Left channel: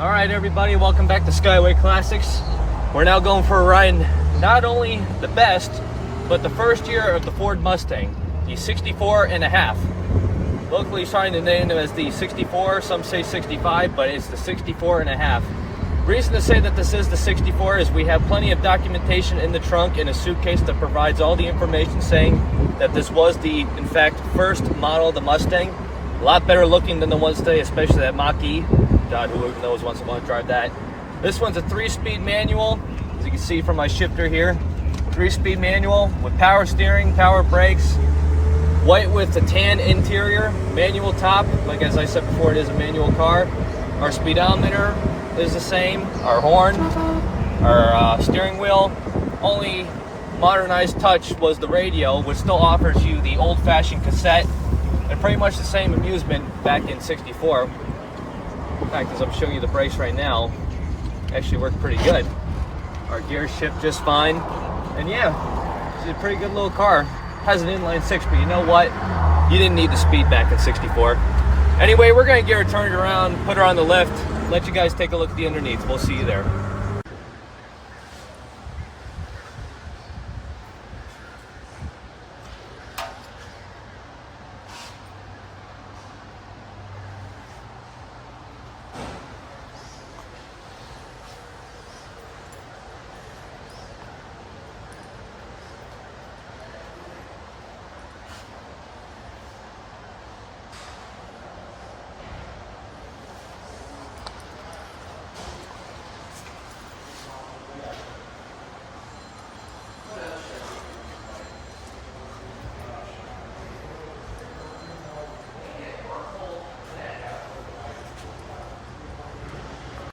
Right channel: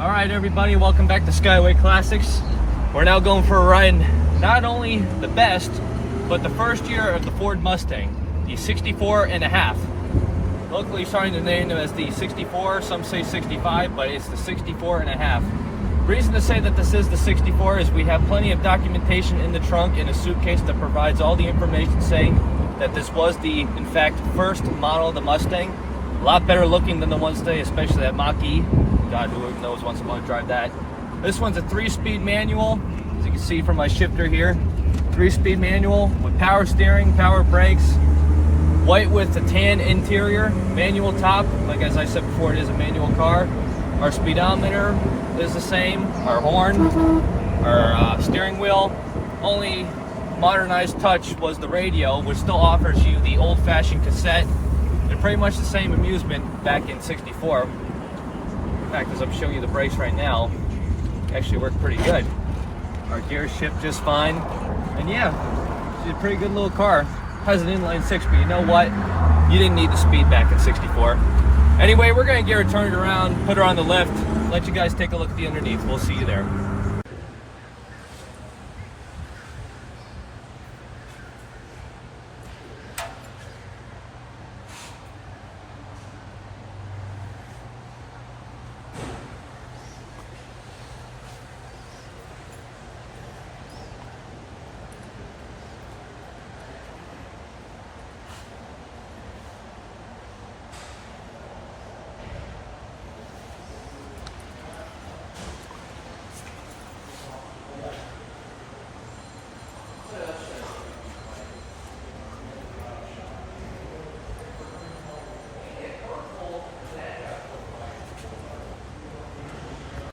All right, everybody, welcome back to Skyway Classics. We're now going for a ride, not only the best, but the first year of the Ford Mustang, the 64 and a half. Locally starting to name it as the 64, some say 65, but it's the 64 and a half. Reason to say that this is the 64 is we have plenty of documentation in the trunk in a suitcase that provides all the information saying that this was the, in fact, first model of the Mustang. A lot better looking than the ones today, especially that Mach-E. God, who knows wants to want to drive that. This one's a 3-speed manual, as you can see from my shifter here. 3-speed manual with power steering, power brakes, white with a tan interior, manual top. Like as I said before, it is a manual car. Our speedometer is the same, our horn, our steering wheel. Only modernized touch was the radio, which still offers you the old-fashioned cassette and pretty much the same amusement back in 64. In fact, as I'm showing you the brakes right now, actually work pretty good. Our gears shift just fine, and yeah, it's a pretty good little car. Has an inline 6, but you know what? You didn't need the speed back in 64. Anyway, we're gonna get her turned around, put her on the lift, let you guys take a look at the underneath. We'll see you there.